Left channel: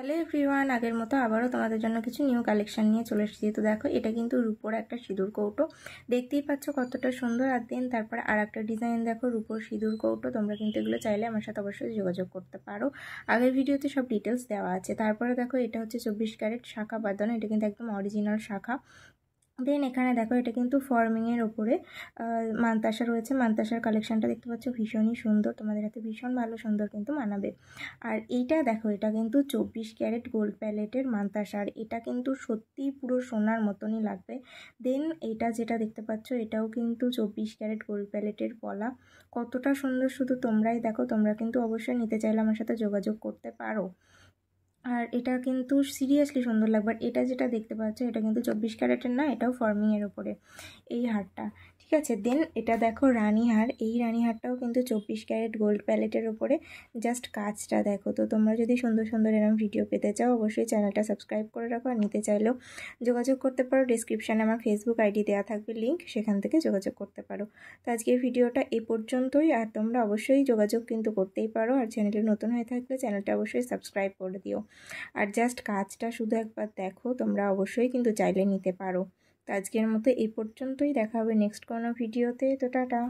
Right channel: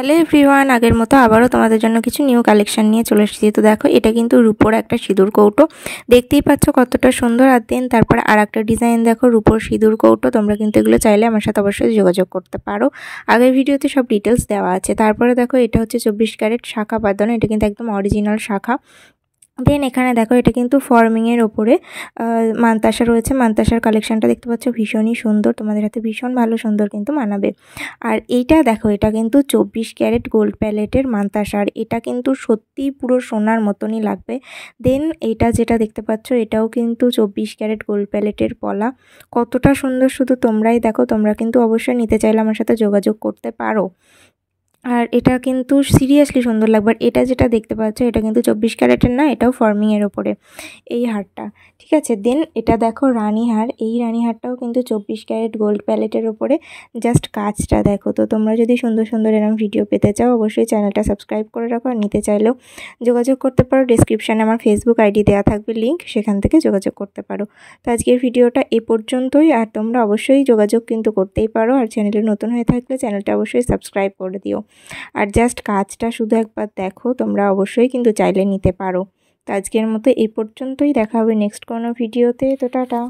Hello everyone, আগের মতো আবারও তোমাদের জন্য কিছু নিউ কালেকশন নিয়ে চলে এসেছি। তো দেখো, এটা কিন্তু রূপোর একটা সিঁদুর কৌটো, দেখতেই পাচ্ছ কতটা সুন্দর। আর দেন তারপরে আর একটা ডিজাইন দেখো, রূপোর সিঁদুর কৌটো। তোমরা কিন্তু এগুলো চাইলে আমার সাথে অবশ্যই যোগাযোগ করতে পারো, আগের ভিডিওতে সব ডিটেলস দেওয়া আছে। তারপরে দেখো, এটা হচ্ছে 24 ক্যারেট শাখা বাঁধানো, এটা কিন্তু একদম অরিজিনাল শাখা। দেন এখানে দেখো, এটা কিন্তু ফর্মিংয়ের ওপরে মানতাসা রয়েছে। মানতাসার কালেকশনটা দেখতে পাচ্ছ, ভীষণই সুন্দর, তোমাদের হাতে ভীষণ ভালো সুন্দর কিন্তু মানাবে। আর এইটা দেখো, এটা কিন্তু 24 ক্যারেট গোল্ড প্যালেটের মানতাসা, আর এটা কিন্তু সত্যিই পুরো সোনার মতনই লাগবে। দেন এইটা যেটা দেখতে পাচ্ছ, এটাও কিন্তু 24 ক্যারেট গোল্ড প্যালেটের পলা, কতটা সুন্দর শুধু তোমরাই দেখো। তোমরা কিন্তু অবশ্যই নিতে চাইলে আমার সাথে যোগাযোগ করতে পারো। আর এটা কিন্তু সিরিয়াসলি সুন্দর লাগবে। আর এটা যেটা দেখতে পাচ্ছ, এটা কিন্তু 24 ক্যারেটের না, এটাও ফর্মিংয়ের ওপরে এই হারটা, ঠিক আছে। দেন এটা দেখো রানী হার, এই রানী হারটাও কিন্তু 24 ক্যারেট গোল্ড প্যালেটের ওপরে। জাস্ট কাজটা দেখো। তো তোমরা যদি সুন্দর সুন্দর এরকম ভিডিও পেতে চাও, অবশ্যই চ্যানেলটা সাবস্ক্রাইব করে রাখো। আর নিতে চাইলেও যোগাযোগ করতে পারো, ডিসক্রিপশানে আমার ফেসবুক আইডি দেওয়া থাকবে লিঙ্ক, সেখান থেকে যোগাযোগ করতে পারো। তো আজকের ভিডিওটা এ পর্যন্তই। আর তোমরা অবশ্যই যোগাযোগ কিন্তু করতেই পারো। আর চ্যানেলে নতুন হয়ে থাকলে চ্যানেলটা অবশ্যই সাবস্ক্রাইব করে দিও। আর জাস্ট কাজটা শুধু একবার দেখো, তোমরা অবশ্যই কিন্তু চাইলে নিতে পারো। তো আজকের মতো এই পর্যন্তই, দেখা হবে নেক্সট কোনো ভিডিওতে। তো টাটা।